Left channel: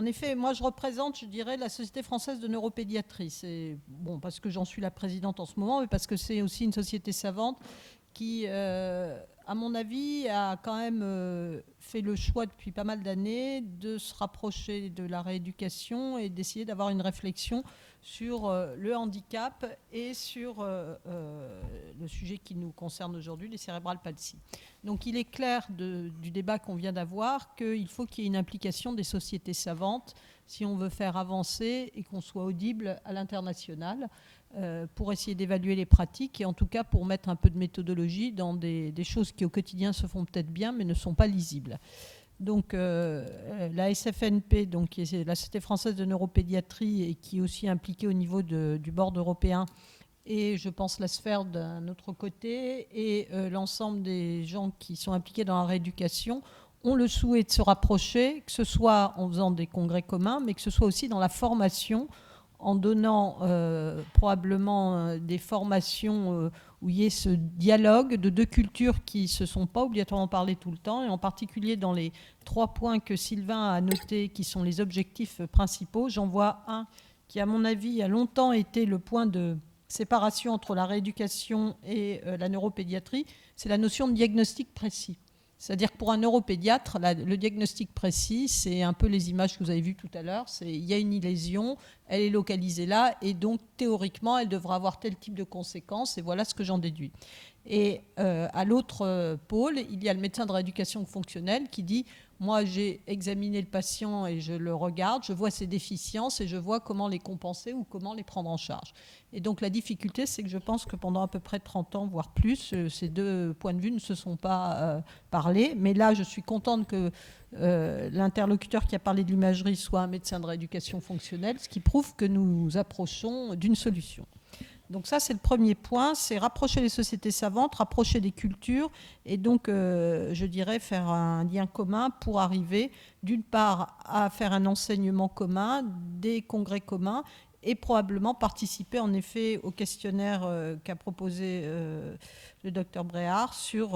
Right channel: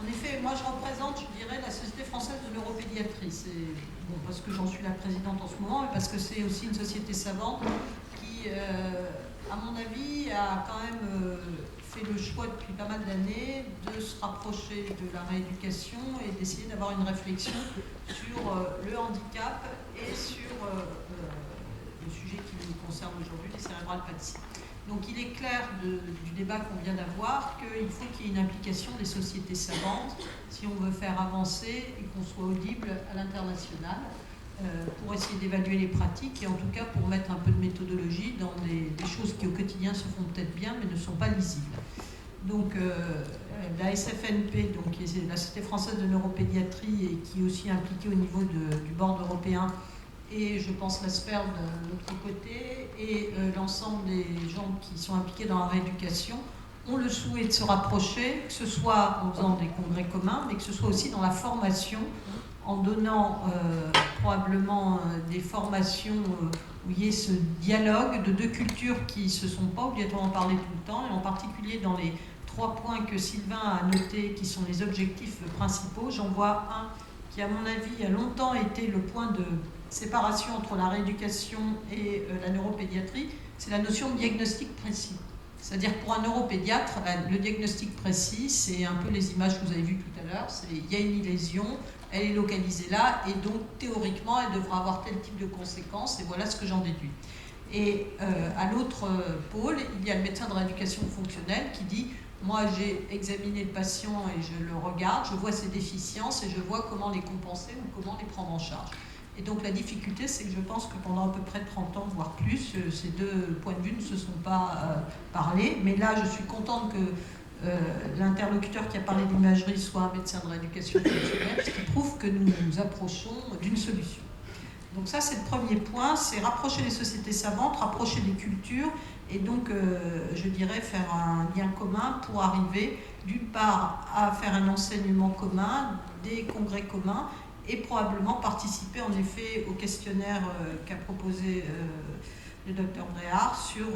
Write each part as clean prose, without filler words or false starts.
En effet, moi je représente, je dirais, la Société française de neuropédiatrie. C'est bon, parce que j'en suis la présidente en ce moment, mais parce que c'est aussi une société savante qui, à mon avis, a quand même fait le choix depuis pas mal d'années de se rapprocher de la rééducation et d'essayer d'avoir une réflexion sur le handicap et sur le sujet qui nous concerne aujourd'hui, les cérébrales palsies. Donc il est clair du débat qu'on vient d'avoir qu'il faut qu'il y ait une implication des sociétés savantes si on veut faire avancer et qu'on soit audible à l'international pour essayer d'évaluer les pratiques et en tout cas pour mettre un peu de méthodologie dans des choses qui au quotidien se font peut-être bien mais ne sont pas lisibles. Donc la SFNP, donc, qui est la Société française de neuropédiatrie et qui est aussi impliquée au niveau du board européen, et je pense la sphère d'un autre côté, et l'ensemble des gens qui sont impliqués dans la rééducation ont le souhait de se rapprocher, que ce soit en faisant des congrès communs, mais que ce soit aussi dans la formation, en donnant probablement des formations où il y ait ce dialogue de deux cultures qui ne se sont pas obligatoirement parlé tout le temps, et en particulier dans les 3 points que Sylvain a notés, qui sont les objectifs principaux. J'en vois un qui, à mon avis, a longtemps été le point de séparation entre la rééducation et la neuropédiatrie, c'est la notion de diagnostic précis. C'est-à-dire pour un neuropédiatre, le diagnostic précis, c'est un peu les images que vous avez vues tout à l'heure, c'est il y a une lésion, elle est localisée là, et donc théoriquement, elle devra avoir tel type de conséquences, et voilà ce que j'en déduis. Et à l'autre pôle, il y a le médecin de rééducation fonctionnelle qui dit moi j'ai examiné le patient et je le regarde, je vois ses déficiences et je vois comment les compenser ou comment les prendre en charge. Et donc la difficulté, c'est que je pense que pendant à peu près 30 ans, voire plus, ces deux points de vue ne se sont pas parlé. Mais là, je suis contente que l'interlocuteur qui a parlé d'imagerie soit un médecin de rééducation fonctionnelle, ce qui prouve que nous nous approchons d'une solution. Donc ça, c'est le premier point, c'est rapprocher les sociétés savantes, rapprocher les cultures, et donc, je dirais, faire un lien commun pour arriver, d'une part, à faire un enseignement commun, des congrès communs, et probablement participer en effet au questionnaire qu'a proposé le docteur Bréard sur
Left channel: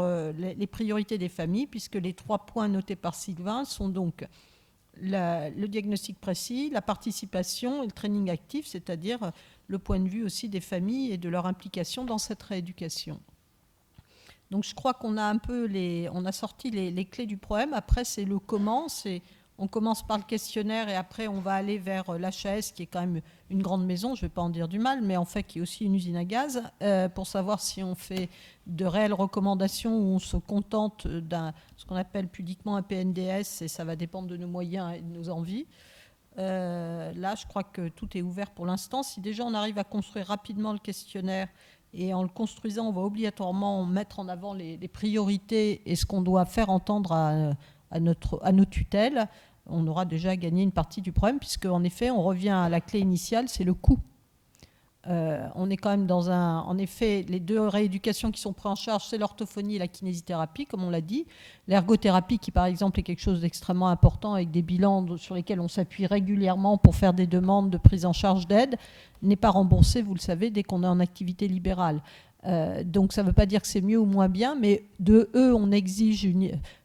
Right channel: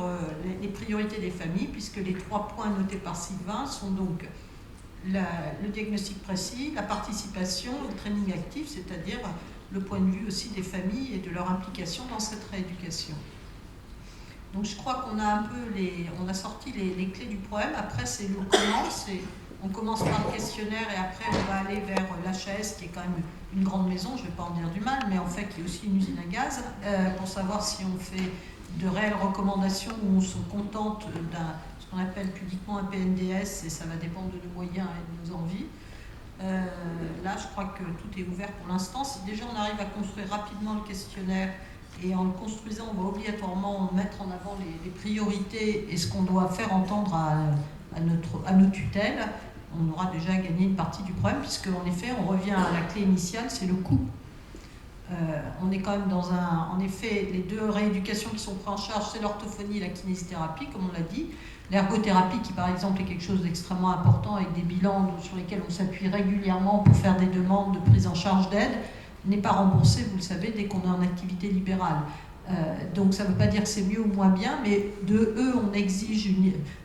les priorités des familles, puisque les 3 points notés par Sylvain sont donc le diagnostic précis, la participation et le training actif, c'est-à-dire le point de vue aussi des familles et de leur implication dans cette rééducation. Donc je crois qu'on a un peu on a sorti les clés du problème. Après, c'est le comment, on commence par le questionnaire et après on va aller vers l'HAS qui est quand même une grande maison, je ne vais pas en dire du mal, mais en fait qui est aussi une usine à gaz, pour savoir si on fait de réelles recommandations ou on se contente ce qu'on appelle pudiquement un PNDS, et ça va dépendre de nos moyens et de nos envies. Là, je crois que tout est ouvert pour l'instant. Si déjà on arrive à construire rapidement le questionnaire, et en le construisant, on va obligatoirement mettre en avant les priorités et ce qu'on doit faire entendre à nos tutelles, on aura déjà gagné une partie du problème, puisque en effet, on revient à la clé initiale, c'est le coût. On est quand même dans en effet, les deux rééducations qui sont prises en charge, c'est l'orthophonie et la kinésithérapie, comme on l'a dit. L'ergothérapie, qui par exemple est quelque chose d'extrêmement important, avec des bilans sur lesquels on s'appuie régulièrement pour faire des demandes de prise en charge d'aide, n'est pas remboursée, vous le savez, dès qu'on est en activité libérale. Donc ça ne veut pas dire que c'est mieux ou moins bien, mais de eux, on exige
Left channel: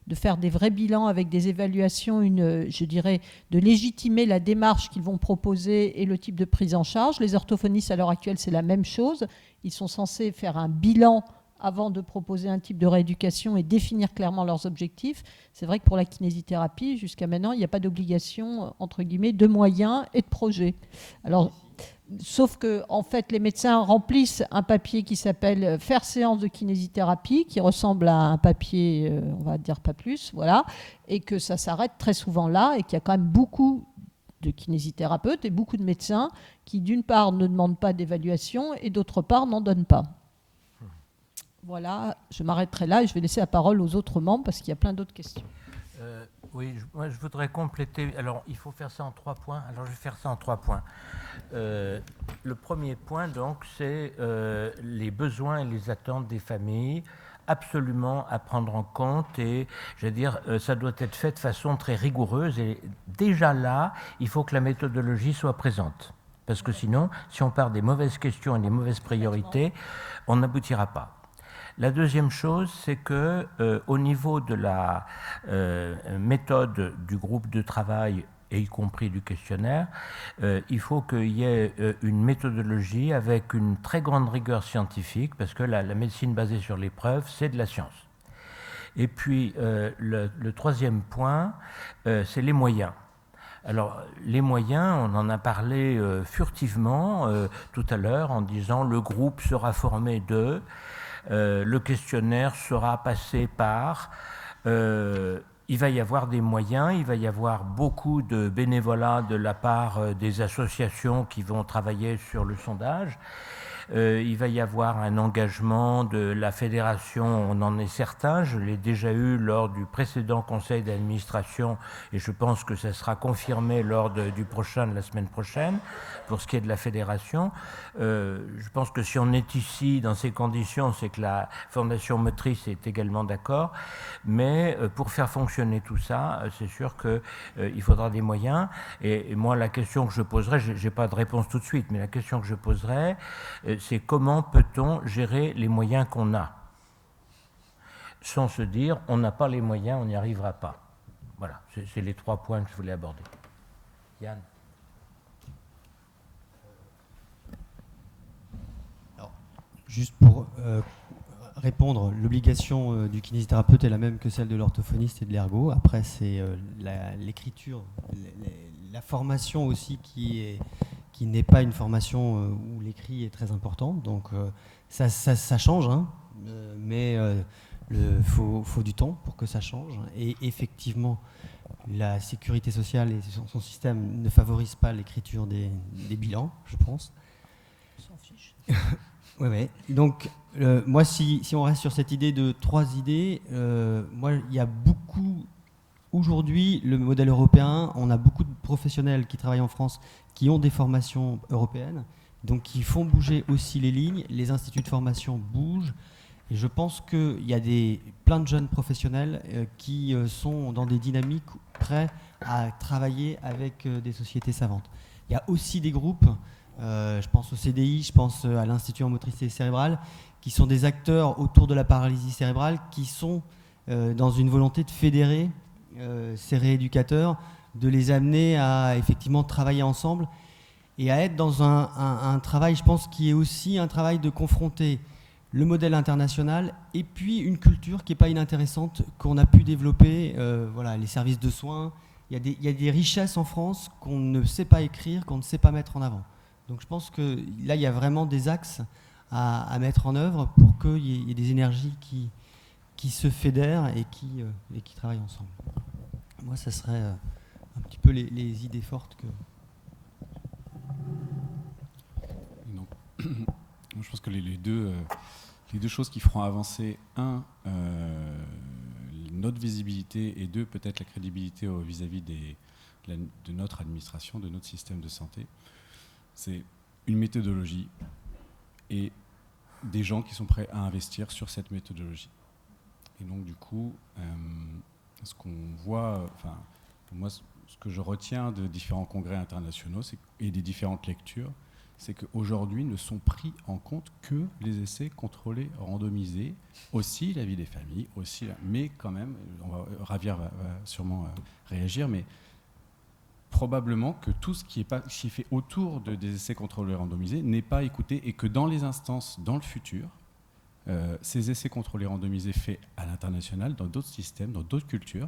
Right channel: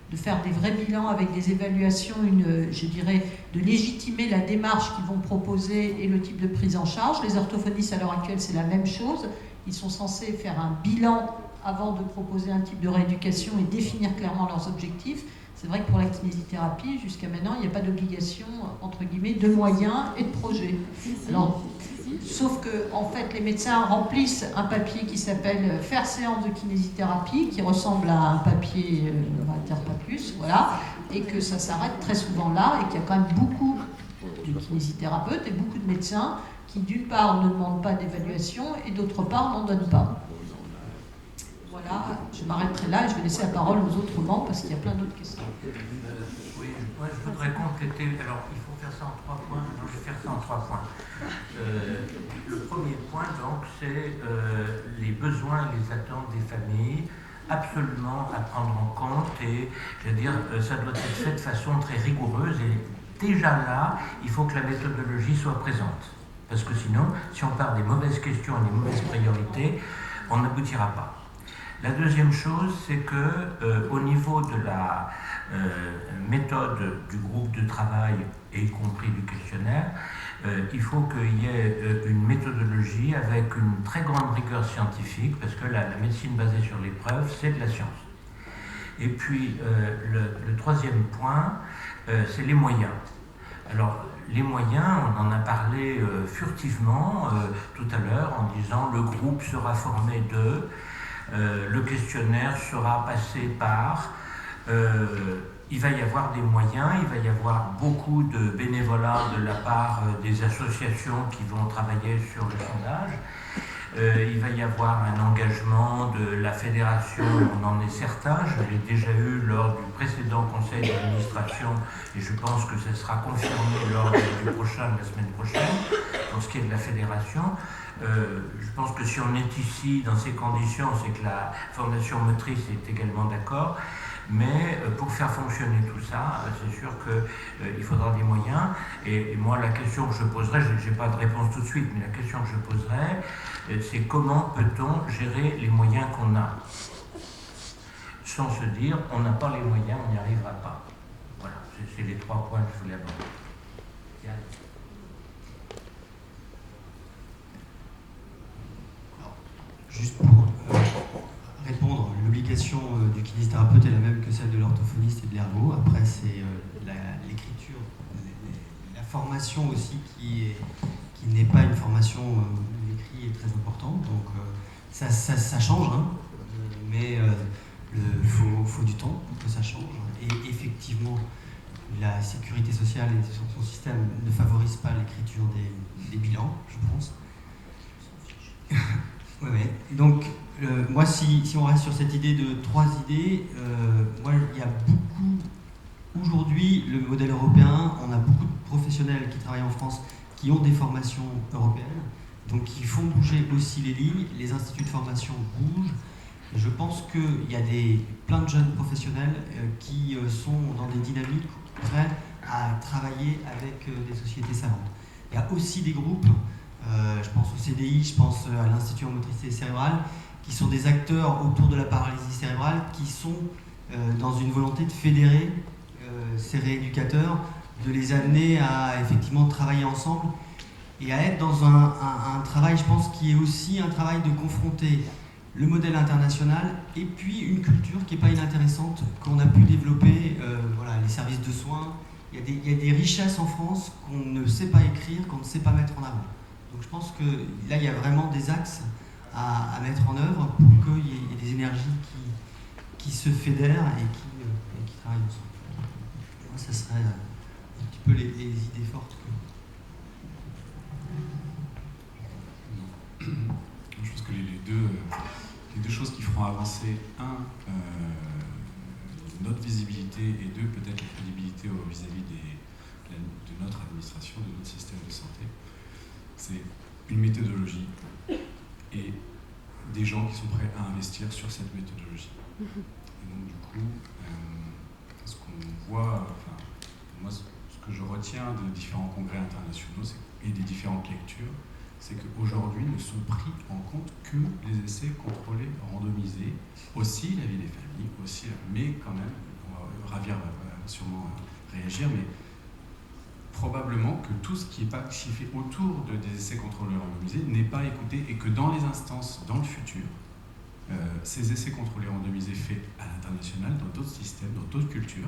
de faire des vrais bilans avec des évaluations, je dirais, de légitimer la démarche qu'ils vont proposer et le type de prise en charge. Les orthophonistes, à l'heure actuelle, c'est la même chose. Ils sont censés faire un bilan avant de proposer un type de rééducation et définir clairement leurs objectifs. C'est vrai que pour la kinésithérapie, jusqu'à maintenant, il n'y a pas d'obligation, entre guillemets, de moyens et de projets. Alors, sauf que, en fait, les médecins remplissent un papier qui s'appelle « Faire séance de kinésithérapie », qui ressemble à un papier, on va dire pas plus, voilà, et que ça s'arrête très souvent là, et qu'il y a quand même beaucoup de kinésithérapeutes et beaucoup de médecins qui, d'une part, ne demandent pas d'évaluation, et d'autre part, n'en donnent pas. Voilà, je m'arrêterai là et je vais laisser la parole aux autres membres parce qu'il y a plein d'autres questions. Oui, moi je voudrais compléter. Alors, il faut faire ça en 3 points. Alors, je vais faire ça en 3 points. Le premier point, donc, c'est les besoins et les attentes des familles, absolument à prendre en compte. Et, je veux dire, ça doit être fait de façon très rigoureuse. Et déjà là, il faut que la méthodologie soit présente. Parce que sinon, si on part des mauvaises questions et des mauvaises priorités, on n'aboutira pas. La deuxième chose, c'est que au niveau de la méthode du groupe de travail, et y compris du questionnaire, il faut qu'il y ait une méthodologie avec une très grande rigueur scientifique, parce que la médecine basée sur les preuves, c'est de la science. Et puis le troisième point, c'est les moyens. Alors, les moyens, on en a parlé furtivement tout à l'heure en disant le groupe sera formé de, le questionnaire sera passé par, il va y avoir des moyens, il va y avoir beaucoup de bénévolat de la part des associations qui vont travailler sur le sondage. Il va y avoir un engagement de la fédération, on en est certain, je l'ai déjà eu lors du précédent conseil d'administration et je pense que ça sera confirmé lors du prochain, de la semaine prochaine, pour ce qui est de la fédération. Je pense que si on est ici dans ces conditions, c'est que la Fondation Motrice est également d'accord. Mais pour faire fonctionner tout ça, c'est sûr qu'il faudra des moyens. Et moi, la question que je poserai, je n'ai pas de réponse tout de suite, mais la question que je poserai, c'est comment peut-on gérer les moyens qu'on a, sans se dire on n'a pas les moyens, on n'y arrivera pas. Voilà, c'est les 3 points que je voulais aborder. Yann. Juste pour répondre, l'obligation du kinésithérapeute est la même que celle de l'orthophoniste et de l'ergo. Après, c'est l'écriture, la formation aussi qui n'est pas une formation où l'écrit est très important. Donc ça change, hein, mais faut du temps pour que ça change. Et effectivement, la sécurité sociale et son système ne favorisent pas l'écriture des bilans, je pense. Ouais. Donc, moi, si on reste sur cette idée de 3 idées, moi, il y a beaucoup, aujourd'hui, le modèle européen, on a beaucoup de professionnels qui travaillent en France qui ont des formations européennes, donc qui font bouger aussi les lignes, les instituts de formation bougent, et je pense qu'il y a plein de jeunes professionnels qui sont dans des dynamiques prêts à travailler avec des sociétés savantes. Il y a aussi des groupes, je pense au CDI, je pense à l'Institut en motricité cérébrale, qui sont des acteurs autour de la paralysie cérébrale, qui sont dans une volonté de fédérer ces rééducateurs, de les amener à effectivement travailler ensemble et à être dans un travail, je pense, qui est aussi un travail de confronter le modèle international et puis une culture qui n'est pas inintéressante, qu'on a pu développer, voilà, les services de soins. Il y a des richesses en France qu'on ne sait pas écrire, qu'on ne sait pas mettre en avant. Donc je pense que là, il y a vraiment des axes à mettre en œuvre pour qu'il y ait des énergies qui se fédèrent et qui travaillent ensemble. Moi, ça serait un petit peu les idées fortes que... Non. Je pense que les deux choses qui feront avancer, notre visibilité et 2, peut-être la crédibilité vis-à-vis de notre administration, de notre système de santé, c'est une méthodologie et des gens qui sont prêts à investir sur cette méthodologie. Et donc du coup, ce qu'on voit, enfin, moi ce que je retiens de différents congrès internationaux et des différentes lectures, c'est qu'aujourd'hui ne sont pris en compte que les essais contrôlés, randomisés, aussi la vie des familles, aussi, mais quand même, Javier va sûrement réagir, mais probablement que tout ce qui est fait autour des essais contrôlés randomisés n'est pas écouté et que dans les instances, dans le futur, ces essais contrôlés randomisés faits à l'international, dans d'autres systèmes, dans d'autres cultures,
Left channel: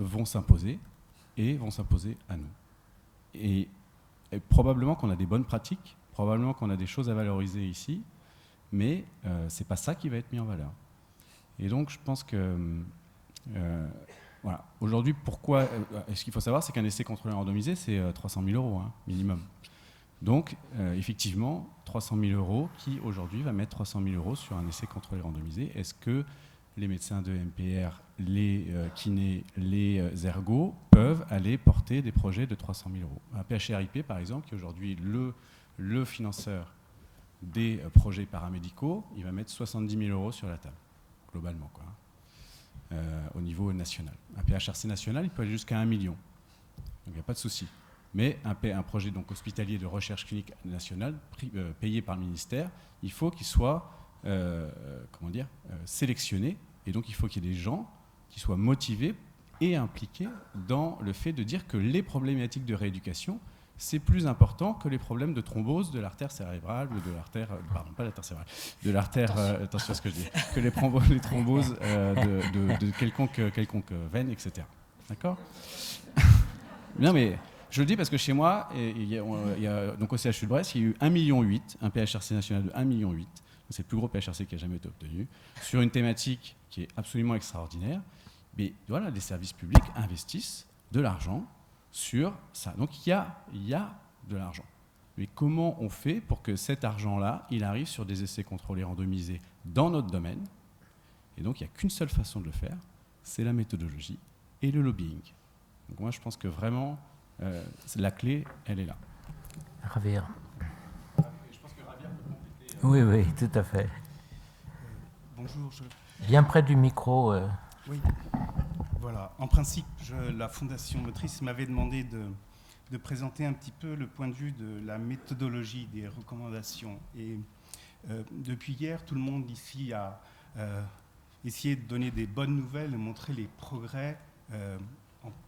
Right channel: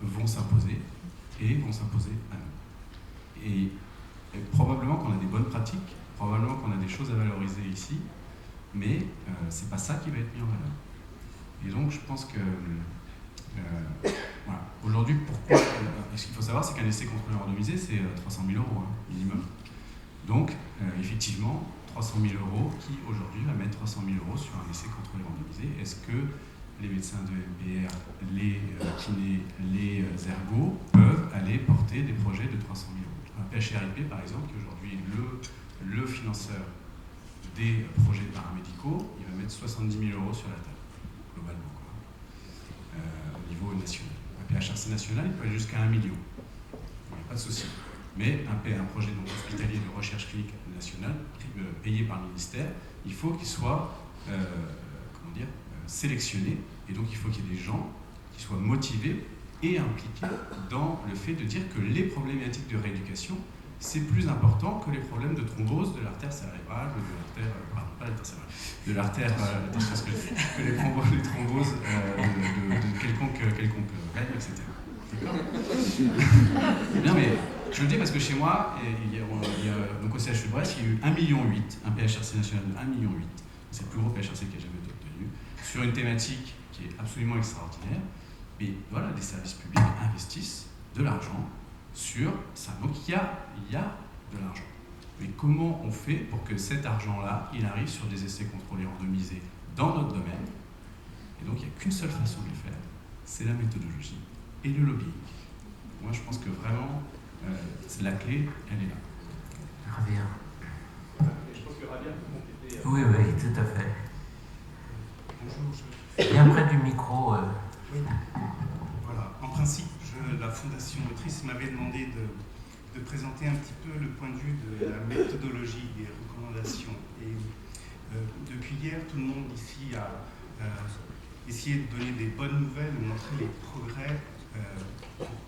vont s'imposer et vont s'imposer à nous. Et probablement qu'on a des bonnes pratiques, probablement qu'on a des choses à valoriser ici, mais c'est pas ça qui va être mis en valeur. Et donc je pense que voilà. Aujourd'hui, pourquoi ce qu'il faut savoir, c'est qu'un essai contrôlé randomisé, c'est 300 000 euros, hein, minimum. Donc, effectivement, 300 000 euros, qui aujourd'hui va mettre 300 000 euros sur un essai contrôlé randomisé. Est-ce que les médecins de MPR, les kinés, les ergos peuvent aller porter des projets de 300 000 euros? Un PHRIP, par exemple, qui est aujourd'hui le financeur des projets paramédicaux, il va mettre 70 000 euros sur la table, globalement, quoi, au niveau national. Un PHRC national, il peut aller jusqu'à 1 million. Il n'y a pas de souci. Mais un projet donc, hospitalier de recherche clinique nationale, payé par le ministère, il faut qu'il soit sélectionnés, et donc il faut qu'il y ait des gens qui soient motivés et impliqués dans le fait de dire que les problématiques de rééducation, c'est plus important que les problèmes de thrombose de l'artère cérébrale ou de l'artère, pardon, pas l'artère cérébrale, de l'artère, que les thromboses de quelconque veine, etc. D'accord? Non mais, je le dis parce que chez moi, donc au CHU de Brest, il y a eu 1,8 million, un PHRC national de 1,8 million, c'est le plus gros PHRC qui a jamais été obtenu, sur une thématique qui est absolument extraordinaire. Mais voilà, les services publics investissent de l'argent sur ça. Donc il y a de l'argent. Mais comment on fait pour que cet argent-là, il arrive sur des essais contrôlés randomisés dans notre domaine? Et donc il n'y a qu'une seule façon de le faire, c'est la méthodologie et le lobbying. Donc moi je pense que vraiment, la clé, elle est là. Javier. Je pense que Javier peut compléter. Oui, tout à fait. Bonjour. Bien près du micro. Oui. Voilà. En principe, la Fondation Motrice m'avait demandé de présenter un petit peu le point de vue de la méthodologie des recommandations. Et depuis hier, tout le monde ici a essayé de donner des bonnes nouvelles, de montrer les progrès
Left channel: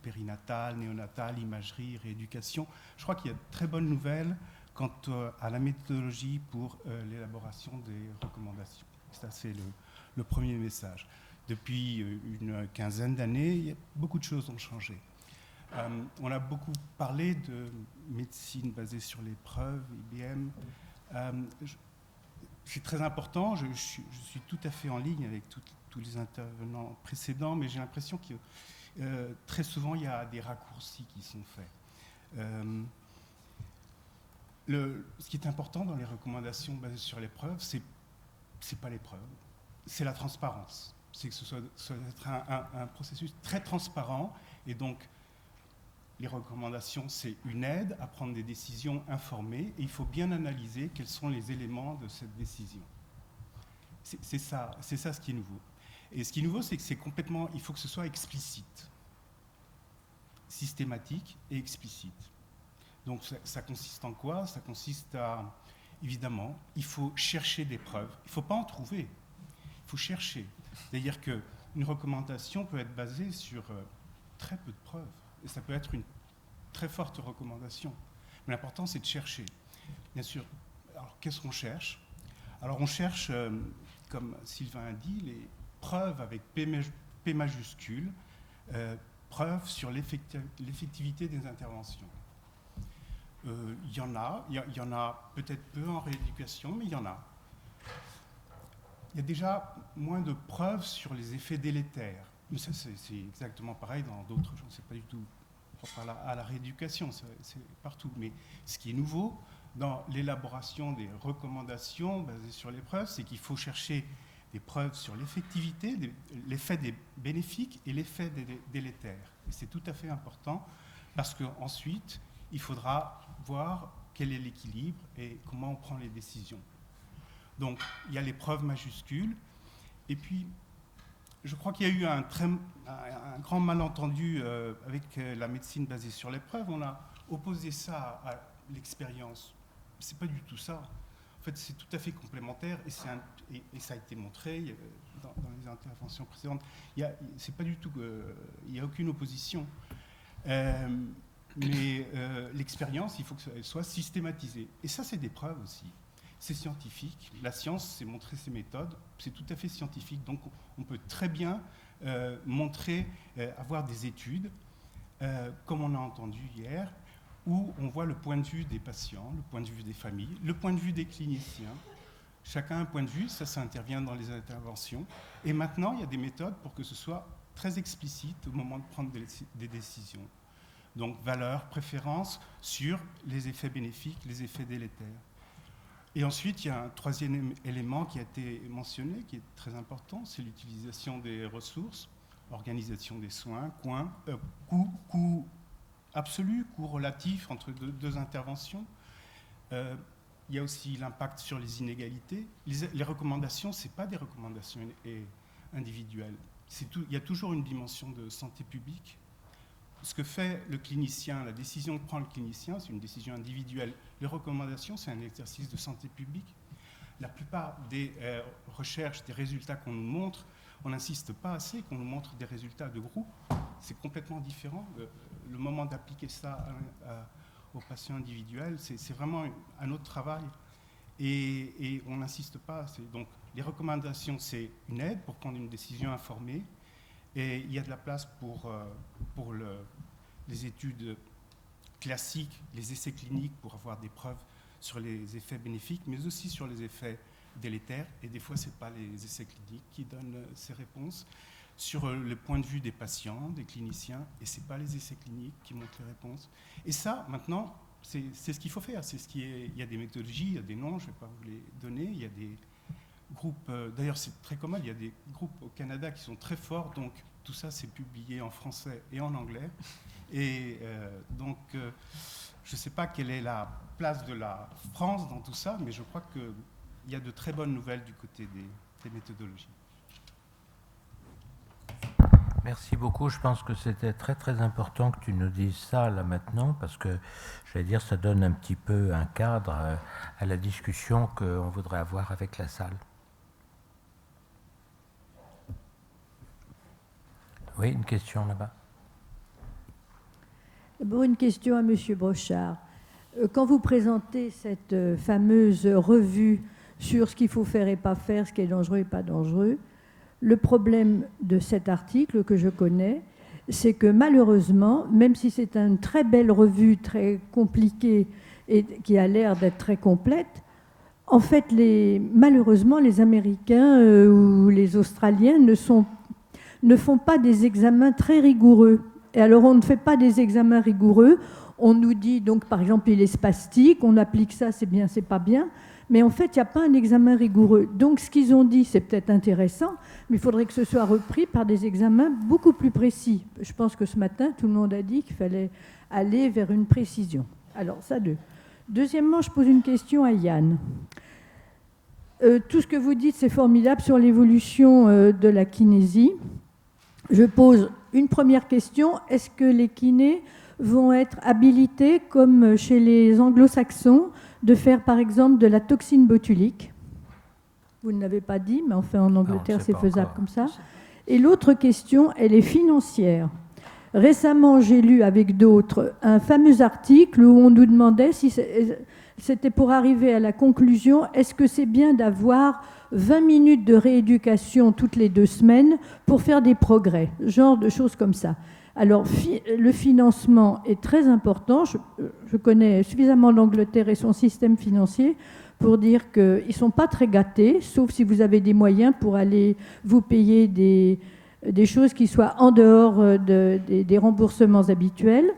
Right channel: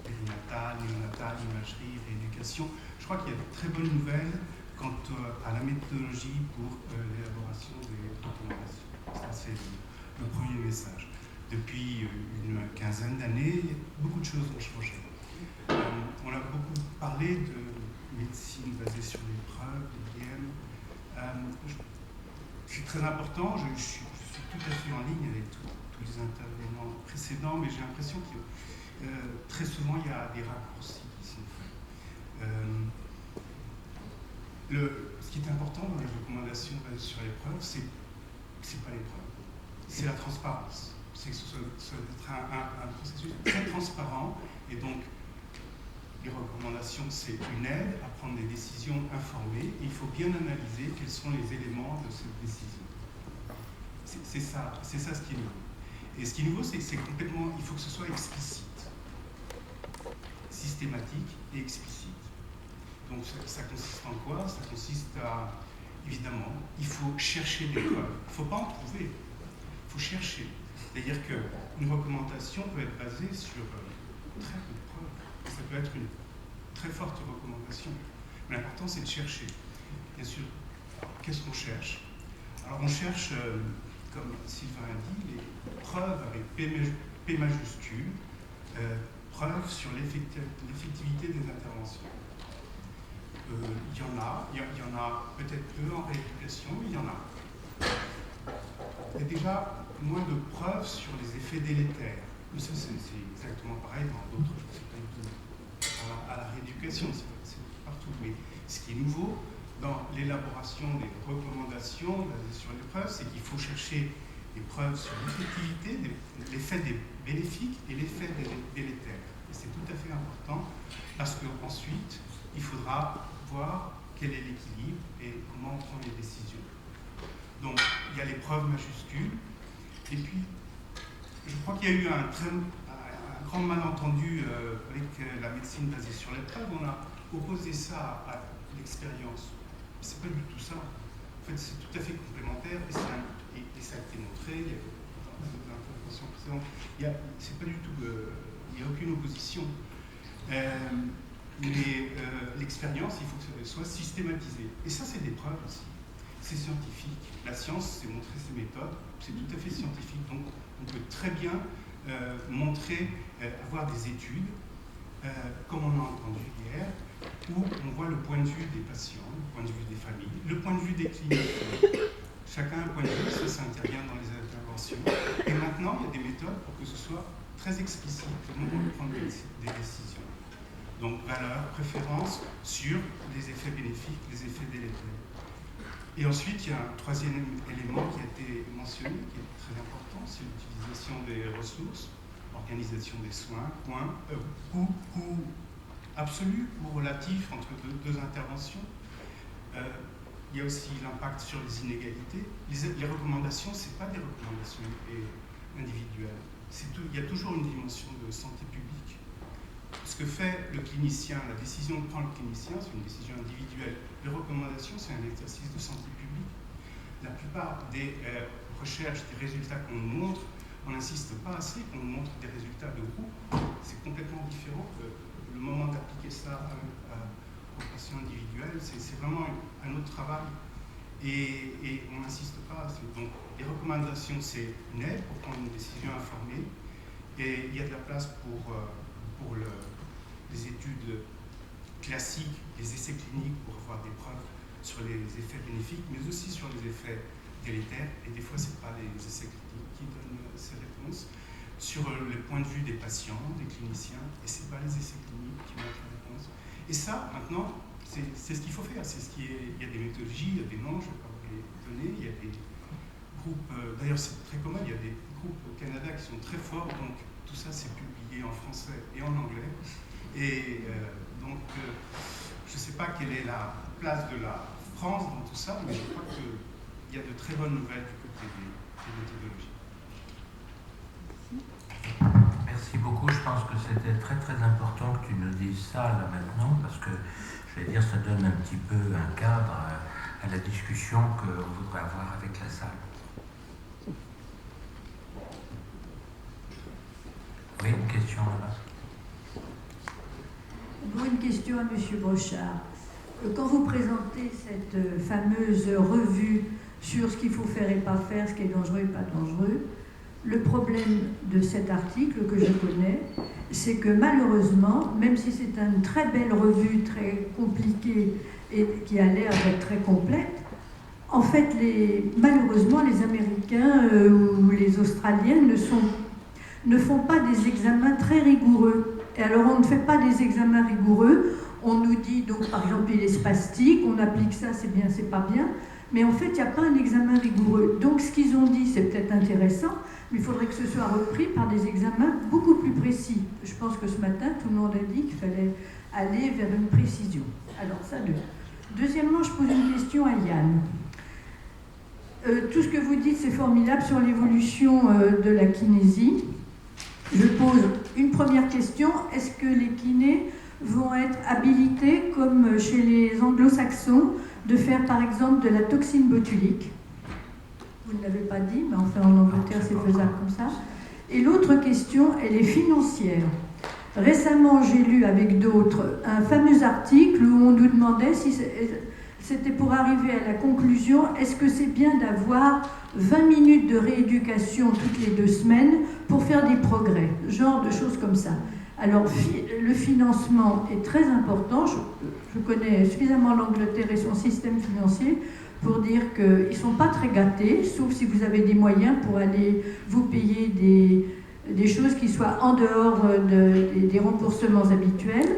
périnatal, néonatal, imagerie, rééducation. Je crois qu'il y a de très bonnes nouvelles quant à la méthodologie pour l'élaboration des recommandations. Ça, c'est le premier message. Depuis une quinzaine d'années, beaucoup de choses ont changé. On a beaucoup parlé de médecine basée sur l'épreuve, l'IM. C'est très important, je suis tout à fait en ligne avec tous les intervenants précédents, mais j'ai l'impression que très souvent il y a des raccourcis qui sont faits. Ce qui est important dans les recommandations basées sur l'épreuve, c'est pas l'épreuve, c'est la transparence. C'est que ce soit un processus très transparent, et donc les recommandations, c'est une aide à prendre des décisions informées, et il faut bien analyser quels sont les éléments de cette décision. C'est ça ce qui est nouveau. Et ce qui est nouveau, c'est que il faut que ce soit explicite, systématique et explicite. Donc ça consiste en quoi? Ça consiste à, évidemment, il faut chercher des preuves. Il ne faut pas en trouver, il faut chercher. C'est-à-dire qu'une recommandation peut être basée sur très peu de preuves. Ça peut être une très forte recommandation. Mais l'important, c'est de chercher. Bien sûr, alors, qu'est-ce qu'on cherche? Alors on cherche, comme Sylvain a dit, les preuves avec P majuscule, preuves sur l'effectivité des interventions. Il y en a peut-être peu en rééducation, mais il y en a. Il y a déjà moins de preuves sur les effets délétères. Mais ça, c'est exactement pareil dans d'autres choses. C'est pas du tout à la rééducation, c'est partout. Mais ce qui est nouveau dans l'élaboration des recommandations basées sur les preuves, c'est qu'il faut chercher des preuves sur l'effectivité, l'effet des bénéfiques et l'effet délétères. Et c'est tout à fait important parce qu'ensuite, il faudra voir quel est l'équilibre et comment on prend les décisions. Donc, il y a les preuves majuscules. Et puis, je crois qu'il y a eu un grand malentendu avec la médecine basée sur l'épreuve. On a opposé ça à l'expérience. C'est pas du tout ça. En fait, c'est tout à fait complémentaire et ça a été montré dans les interventions précédentes. C'est pas du tout. Il n'y a aucune opposition. Mais l'expérience, il faut que ça soit systématisé. Et ça, c'est des preuves aussi. C'est scientifique. La science, c'est montrer ses méthodes. C'est tout à fait scientifique. Donc, on peut très bien montrer, avoir des études, comme on a entendu hier, où on voit le point de vue des patients, le point de vue des familles, le point de vue des cliniciens. Chacun a un point de vue, ça intervient dans les interventions. Et maintenant, il y a des méthodes pour que ce soit très explicite au moment de prendre des décisions. Donc, valeurs, préférences sur les effets bénéfiques, les effets délétères. Et ensuite, il y a un troisième élément qui a été mentionné, qui est très important, c'est l'utilisation des ressources, organisation des soins, coût absolu ou relatif entre deux interventions. Il y a aussi l'impact sur les inégalités. Les recommandations, ce n'est pas des recommandations individuelles. Il y a toujours une dimension de santé publique. Ce que fait le clinicien, la décision que prend le clinicien, c'est une décision individuelle. Les recommandations, c'est un exercice de santé publique. La plupart des recherche des résultats qu'on nous montre, on n'insiste pas assez qu'on nous montre des résultats de groupe. C'est complètement différent. Le moment d'appliquer ça aux patients individuels, c'est vraiment un autre travail. Et on n'insiste pas assez. Donc, les recommandations, c'est une aide pour prendre une décision informée. Et il y a de la place pour les études classiques, les essais cliniques pour avoir des preuves sur les effets bénéfiques, mais aussi sur les effets délétères. Et des fois, ce n'est pas les essais cliniques qui donnent ces réponses. Sur le point de vue des patients, des cliniciens, et ce n'est pas les essais cliniques qui donnent les réponses. Et ça, maintenant, c'est ce qu'il faut faire. Il y a des méthodologies, il y a des noms, je ne vais pas vous les donner. Il y a des groupes, d'ailleurs c'est très commun, il y a des groupes au Canada qui sont très forts, donc tout ça c'est publié en français et en anglais. Et donc je ne sais pas quelle est la place de la France dans tout ça, mais je crois qu'il y a de très bonnes nouvelles du côté des méthodologies. Merci beaucoup. Je pense que c'était très très important que tu nous dises ça là maintenant, parce que je vais dire ça donne un petit peu un cadre à la discussion qu'on voudrait avoir avec la salle. Oui, une question là-bas. Bon, une question à M. Brochard. Quand vous présentez cette fameuse revue sur ce qu'il faut faire et pas faire, ce qui est dangereux et pas dangereux, le problème de cet article que je connais, c'est que malheureusement, même si c'est une très belle revue, très compliquée et qui a l'air d'être très complète, en fait, malheureusement, les Américains ou les Australiens ne font pas des examens très rigoureux. Et alors, on ne fait pas des examens rigoureux. On nous dit, donc, par exemple, il est spastique, on applique ça, c'est bien, c'est pas bien. Mais en fait, il n'y a pas un examen rigoureux. Donc, ce qu'ils ont dit, c'est peut-être intéressant, mais il faudrait que ce soit repris par des examens beaucoup plus précis. Je pense que ce matin, tout le monde a dit qu'il fallait aller vers une précision. Alors, ça, deuxièmement, je pose une question à Yann. Tout ce que vous dites, c'est formidable sur l'évolution de la kinésie. Je pose une première question. Est-ce que les kinés vont être habilités, comme chez les anglo-saxons, de faire par exemple de la toxine botulique? Vous ne l'avez pas dit, mais enfin en Angleterre c'est faisable comme ça. Et l'autre question, elle est financière. Récemment, j'ai lu avec d'autres un fameux article où on nous demandait si c'était pour arriver à la conclusion, est-ce que c'est bien d'avoir 20 minutes de rééducation toutes les 2 semaines pour faire des progrès, genre de choses comme ça. Alors, le financement est très important. Je connais suffisamment l'Angleterre et son système financier pour dire qu'ils ne sont pas très gâtés, sauf si vous avez des moyens pour aller vous payer des choses qui soient en dehors des remboursements habituels.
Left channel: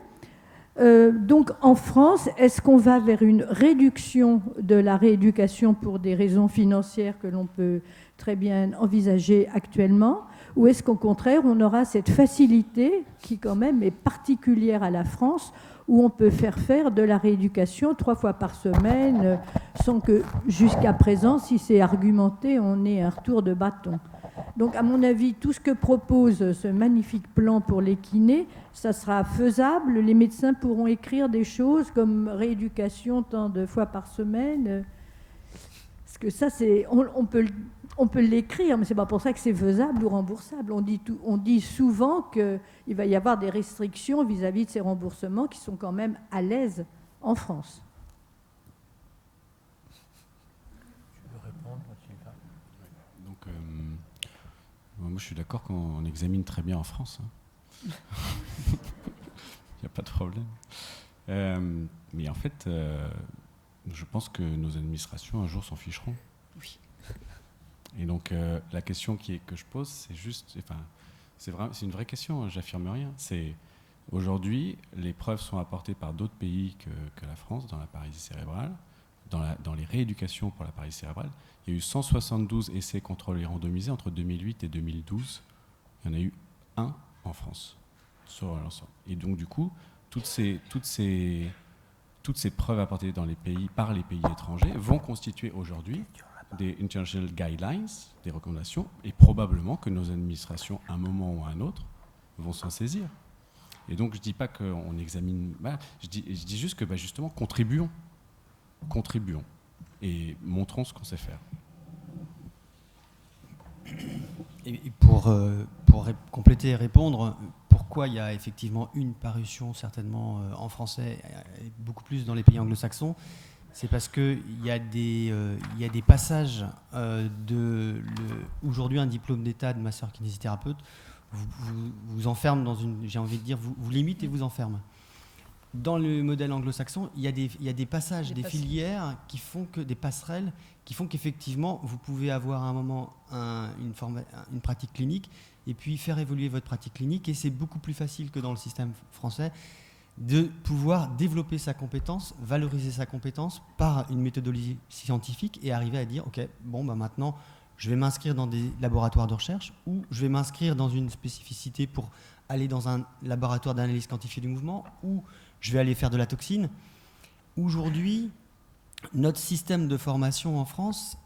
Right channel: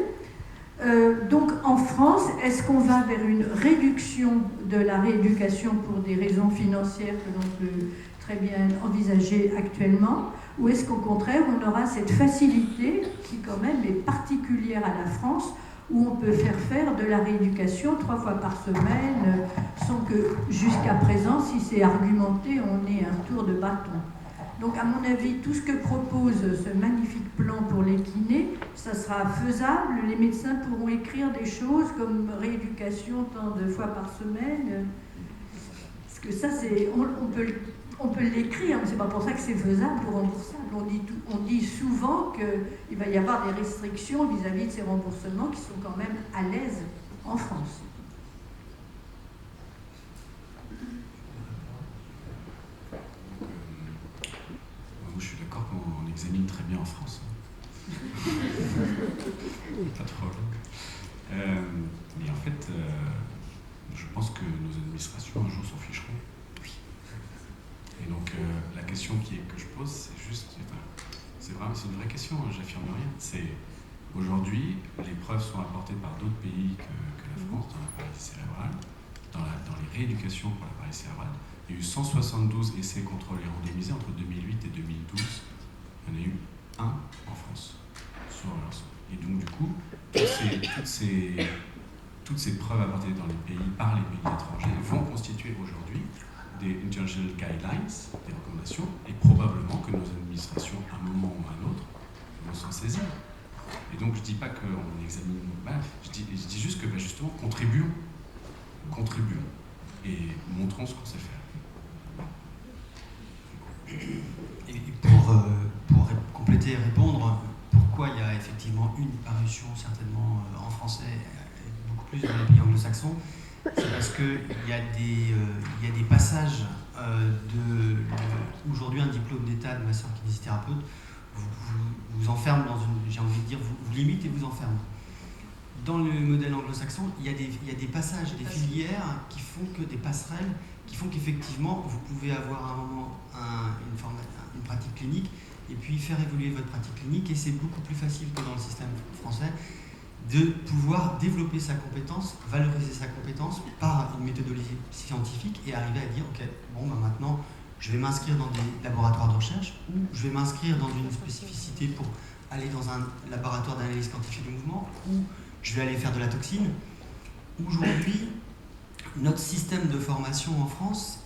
Donc en France, est-ce qu'on va vers une réduction de la rééducation pour des raisons financières que l'on peut très bien envisager actuellement, ou est-ce qu'au contraire on aura cette facilité qui quand même est particulière à la France, où on peut faire de la rééducation 3 fois par semaine sans que jusqu'à présent, si c'est argumenté, on ait un retour de bâton. Donc, à mon avis, tout ce que propose ce magnifique plan pour les kinés, ça sera faisable. Les médecins pourront écrire des choses comme rééducation tant de fois par semaine. Parce que ça, on peut l'écrire, mais ce n'est pas pour ça que c'est faisable ou remboursable. On dit souvent qu'il va y avoir des restrictions vis-à-vis de ces remboursements qui sont quand même à l'aise en France. Moi, je suis d'accord qu'on examine très bien en France. Pas de problème. Mais en fait, je pense que nos administrations un jour s'en ficheront. Et donc, la question que je pose, c'est juste... c'est une vraie question, j'affirme rien. C'est aujourd'hui, les preuves sont apportées par d'autres pays que la France, dans la paralysie cérébrale, dans les rééducations pour la paralysie cérébrale. Il y a eu 172 essais contrôlés randomisés entre 2008 et 2012. Il y en a eu 1 en France sur l'ensemble. Et donc du coup, toutes ces preuves apportées par les pays étrangers vont constituer aujourd'hui des international guidelines, des recommandations, et probablement que nos administrations, à un moment ou à un autre, vont s'en saisir. Et donc je ne dis pas qu'on examine mal, je dis juste que justement, contribuons et montrons ce qu'on sait faire. Et compléter et répondre, pourquoi il y a effectivement une parution certainement en français et beaucoup plus dans les pays anglo-saxons, c'est parce qu'il y a des passages aujourd'hui un diplôme d'état de masseur kinésithérapeute vous enferme dans une, j'ai envie de dire, vous limite et vous enferme. Dans le modèle anglo-saxon, il y a des passages, des filières qui font que des passerelles, qui font qu'effectivement vous pouvez avoir à un moment une pratique clinique et puis faire évoluer votre pratique clinique, et c'est beaucoup plus facile que dans le système français de pouvoir développer sa compétence, valoriser sa compétence par une méthodologie scientifique et arriver à dire ok, bon bah maintenant je vais m'inscrire dans des laboratoires de recherche, ou je vais m'inscrire dans une spécificité pour aller dans un laboratoire d'analyse quantifiée du mouvement, ou je vais aller faire de la toxine. Aujourd'hui, notre système de formation en France,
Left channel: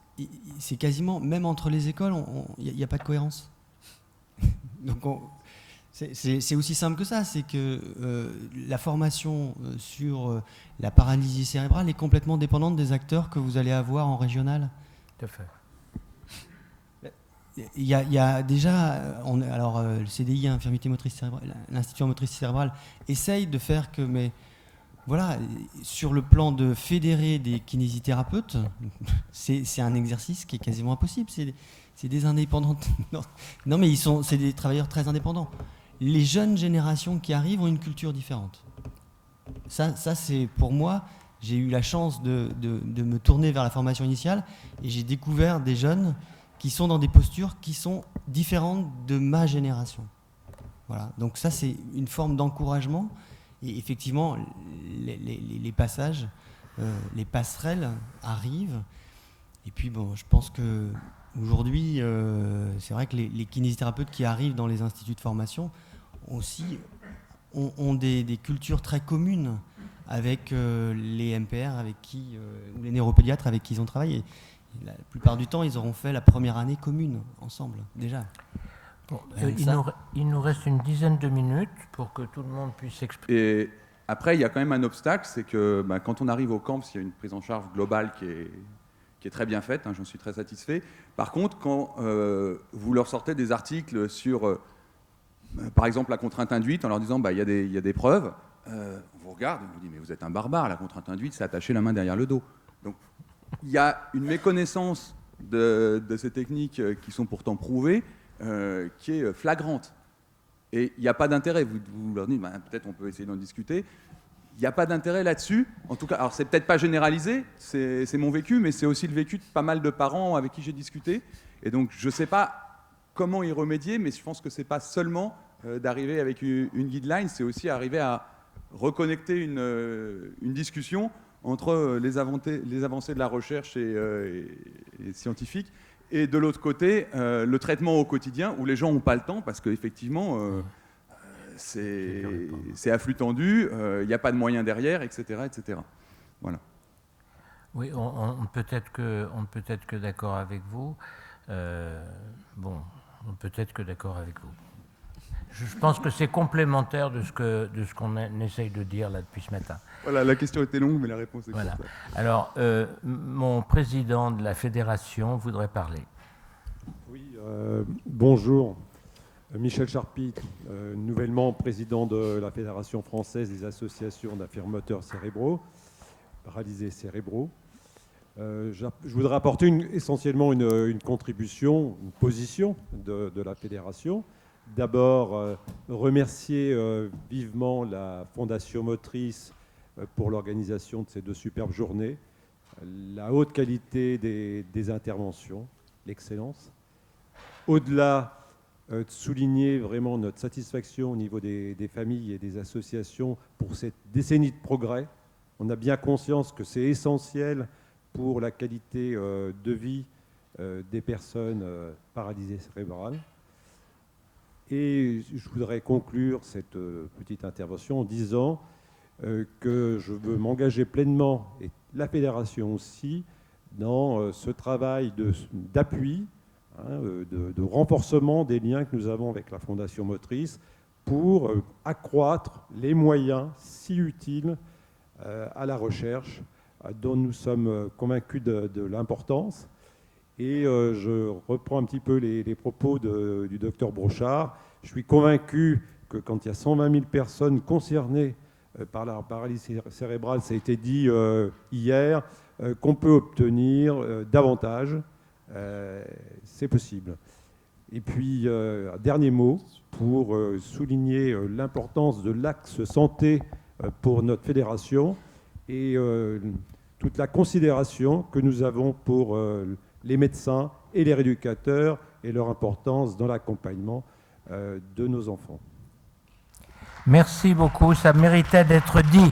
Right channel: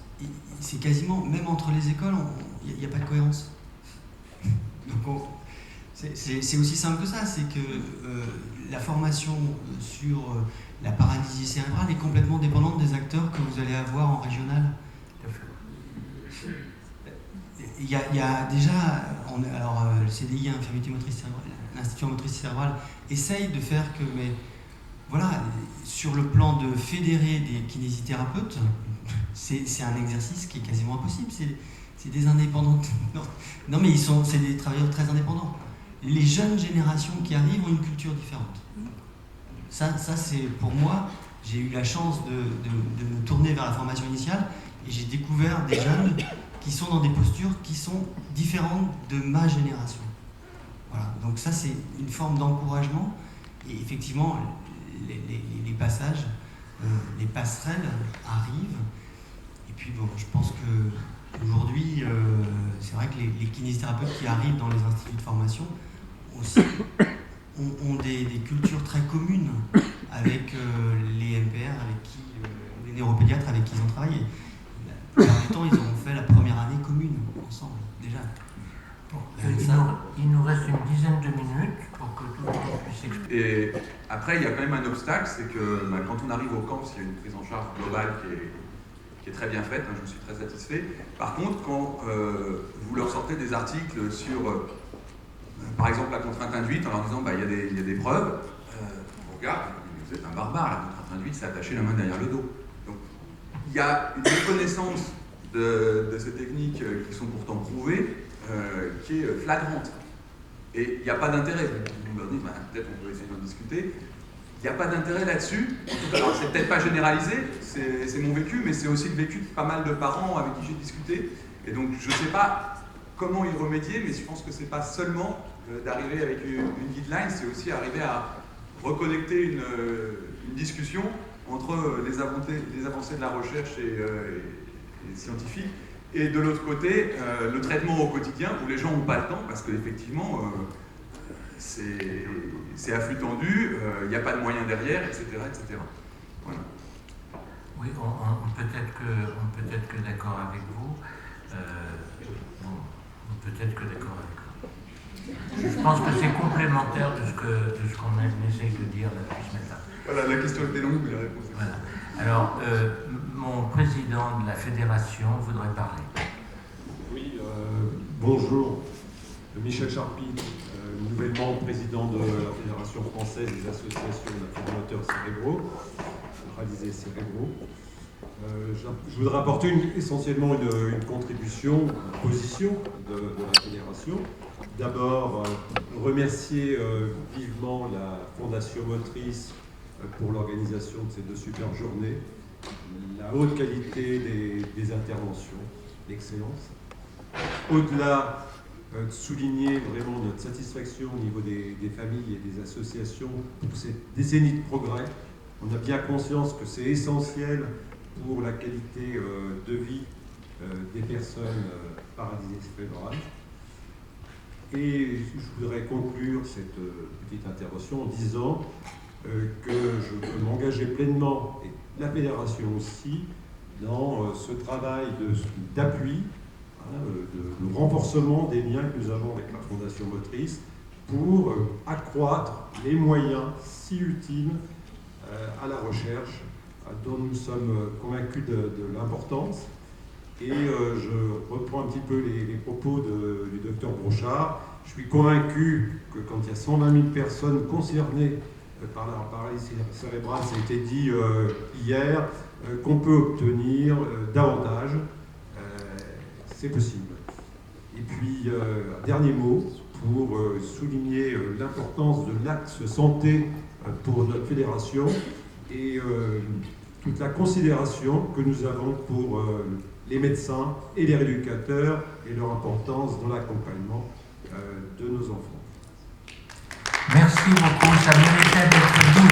c'est quasiment, même entre les écoles, il n'y a pas de cohérence. Donc c'est aussi simple que ça, c'est que la formation sur la paralysie cérébrale est complètement dépendante des acteurs que vous allez avoir en régional. Tout à fait. Il y a déjà, le CDI, infirmité motrice cérébrale, l'Institut motrice cérébrale essaye de faire que, mais voilà, sur le plan de fédérer des kinésithérapeutes, c'est un exercice qui est quasiment impossible. C'est des indépendants. Non, mais c'est des travailleurs très indépendants. Les jeunes générations qui arrivent ont une culture différente. Ça c'est pour moi, j'ai eu la chance de me tourner vers la formation initiale et j'ai découvert des jeunes qui sont dans des postures qui sont différentes de ma génération. Voilà. Donc ça, c'est une forme d'encouragement. Et effectivement, les passages, les passerelles arrivent. Et puis bon, je pense qu'aujourd'hui, c'est vrai que les kinésithérapeutes qui arrivent dans les instituts de formation aussi ont des cultures très communes avec les MPR, les neuropédiatres avec qui ils ont travaillé. La plupart du temps, ils auront fait la première année commune, ensemble, déjà. Bon, il nous reste une dizaine de minutes pour que tout le monde puisse s'exprimer. Et après, il y a quand même un obstacle, c'est que quand on arrive au camp, il y a une prise en charge globale qui est très bien faite, je suis très satisfait. Par contre, quand vous leur sortez des articles sur, par exemple, la contrainte induite, en leur disant il y a des preuves, on regarde, vous êtes un barbare, la contrainte induite, c'est attacher la main derrière le dos. Donc, il y a une méconnaissance de ces techniques qui sont pourtant prouvées, qui est flagrante. Et il n'y a pas d'intérêt. Vous me dites, peut-être on peut essayer d'en discuter. Il n'y a pas d'intérêt là-dessus. En tout cas, alors c'est peut-être pas généralisé, c'est mon vécu, mais c'est aussi le vécu de pas mal de parents avec qui j'ai discuté. Et donc, je ne sais pas comment y remédier, mais je pense que ce n'est pas seulement d'arriver avec une guideline, c'est aussi arriver à reconnecter une discussion entre les avancées de la recherche et scientifique, et de l'autre côté, le traitement au quotidien, où les gens n'ont pas le temps, parce qu'effectivement, c'est à flux tendu, il n'y a pas de moyens derrière, etc. etc. Voilà. Oui, on peut être que d'accord avec vous. On peut être que d'accord avec vous. Je pense que c'est complémentaire de ce qu'on essaye de dire là depuis ce matin. Voilà, la question était longue, mais la réponse est voilà. Alors, mon président de la fédération voudrait parler. Oui, bonjour. Michel Charpie, nouvellement président de la Fédération française des associations d'infirmateurs cérébraux, paralysés cérébraux. Je voudrais apporter essentiellement une contribution, une position de la fédération. D'abord, remercier vivement la Fondation Motrice pour l'organisation de ces deux superbes journées, la haute qualité des interventions, l'excellence. Au-delà, de souligner vraiment notre satisfaction au niveau des familles et des associations pour cette décennie de progrès. On a bien conscience que c'est essentiel pour la qualité de vie des personnes paralysées cérébrales. Et je voudrais conclure cette petite intervention en disant que je veux m'engager pleinement, et la fédération aussi, dans ce travail d'appui, de renforcement des liens que nous avons avec la Fondation Motrice pour accroître les moyens si utiles à la recherche dont nous sommes convaincus de l'importance. Et je reprends un petit peu les propos du docteur Brochard. Je suis convaincu que quand il y a 120 000 personnes concernées par la paralysie cérébrale, ça a été dit hier, qu'on peut obtenir davantage. C'est possible. Et puis, un dernier mot pour souligner l'importance de l'axe santé pour notre fédération et toute la considération que nous avons pour les médecins et les rééducateurs et leur importance dans l'accompagnement de nos enfants. Merci beaucoup, ça méritait d'être dit.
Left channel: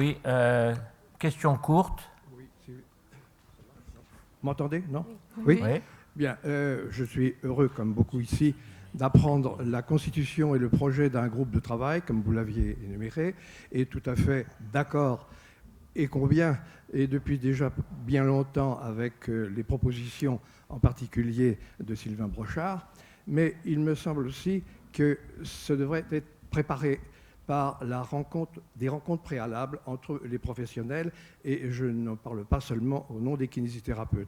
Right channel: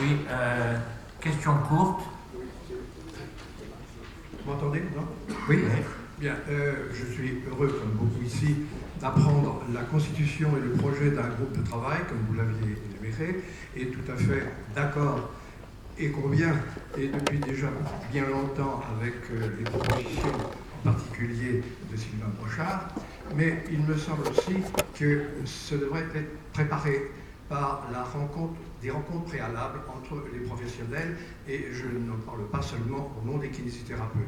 Oui, question courte. Vous m'entendez, non? Oui. Bien, je suis heureux, comme beaucoup ici, d'apprendre la constitution et le projet d'un groupe de travail, comme vous l'aviez énuméré, et tout à fait d'accord et convient, et depuis déjà bien longtemps, avec les propositions, en particulier de Sylvain Brochard, mais il me semble aussi que ce devrait être préparé par des rencontres préalables entre les professionnels, et je n'en parle pas seulement au nom des kinésithérapeutes.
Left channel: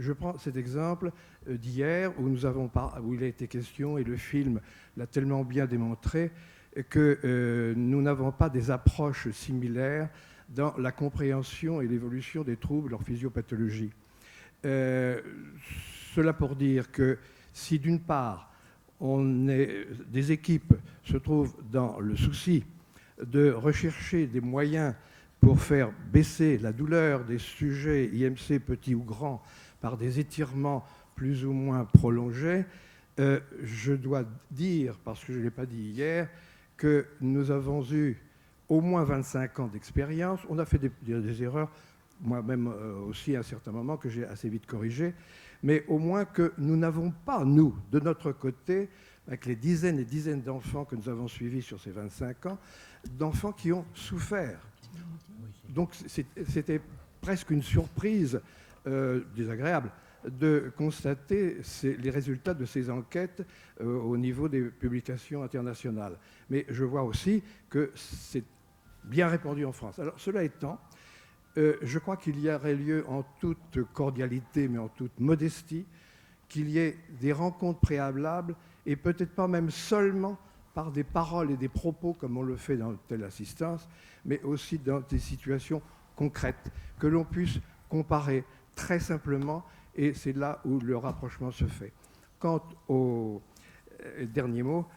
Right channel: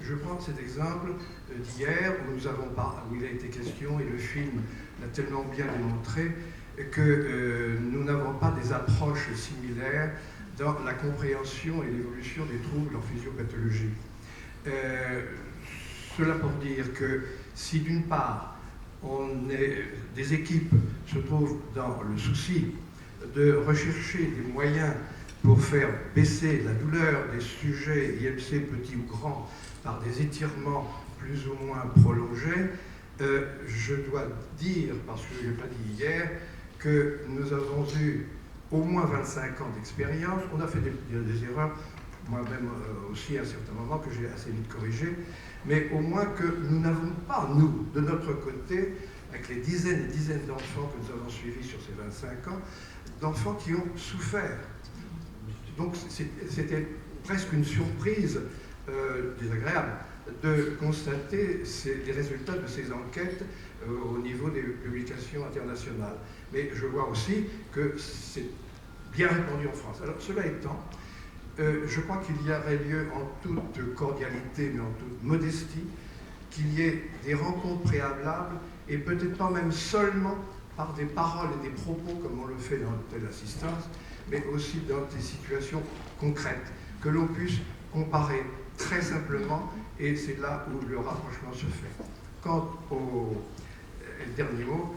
Je prends cet exemple d'hier où où il a été question, et le film l'a tellement bien démontré, que nous n'avons pas des approches similaires dans la compréhension et l'évolution des troubles en physiopathologie. Cela pour dire que si d'une part, des équipes se trouvent dans le souci de rechercher des moyens pour faire baisser la douleur des sujets IMC petits ou grands par des étirements plus ou moins prolongés, je dois dire, parce que je ne l'ai pas dit hier, que nous avons eu au moins 25 ans d'expérience. On a fait des erreurs, moi-même aussi à un certain moment, que j'ai assez vite corrigées, mais au moins que nous n'avons pas, nous, de notre côté, avec les dizaines et dizaines d'enfants que nous avons suivis sur ces 25 ans, d'enfants qui ont souffert. Donc c'était presque une surprise désagréable de constater les résultats de ces enquêtes au niveau des publications internationales. Mais je vois aussi que c'est bien répandu en France. Alors cela étant, je crois qu'il y aurait lieu en toute cordialité, mais en toute modestie, qu'il y ait des rencontres préalables, et peut-être pas même seulement par des paroles et des propos comme on le fait dans telle assistance, mais aussi dans des situations concrètes, que l'on puisse comparer très simplement, et c'est là où le rapprochement se fait. Quant au dernier mot,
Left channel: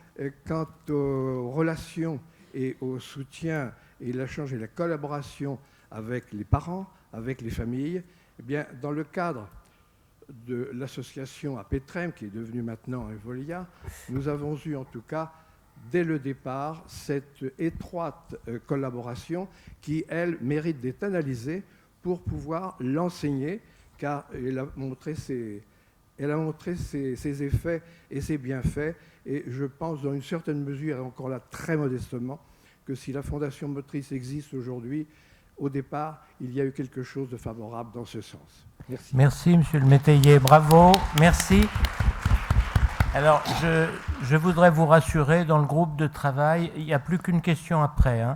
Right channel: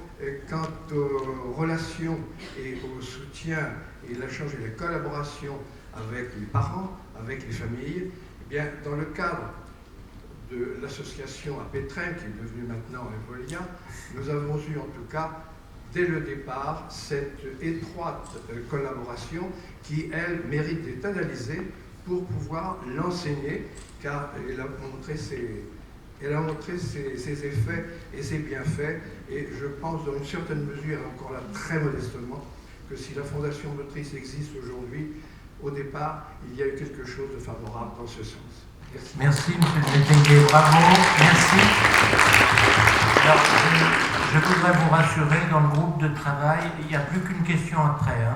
quant aux relations et au soutien et l'échange et la collaboration avec les parents, avec les familles, eh bien, dans le cadre de l'association à Pétrin, qui est devenue maintenant Evolia, nous avons eu en tout cas, dès le départ, cette étroite collaboration qui, elle, mérite d'être analysée pour pouvoir l'enseigner, car elle a montré ses effets et ses bienfaits, et je pense dans une certaine mesure, et encore là très modestement, que si la Fondation Motrice existe aujourd'hui, au départ, il y a eu quelque chose de favorable dans ce sens. Merci. Merci, monsieur le métayer, bravo, merci. Alors, je voudrais vous rassurer, dans le groupe de travail, il n'y a plus qu'une question après.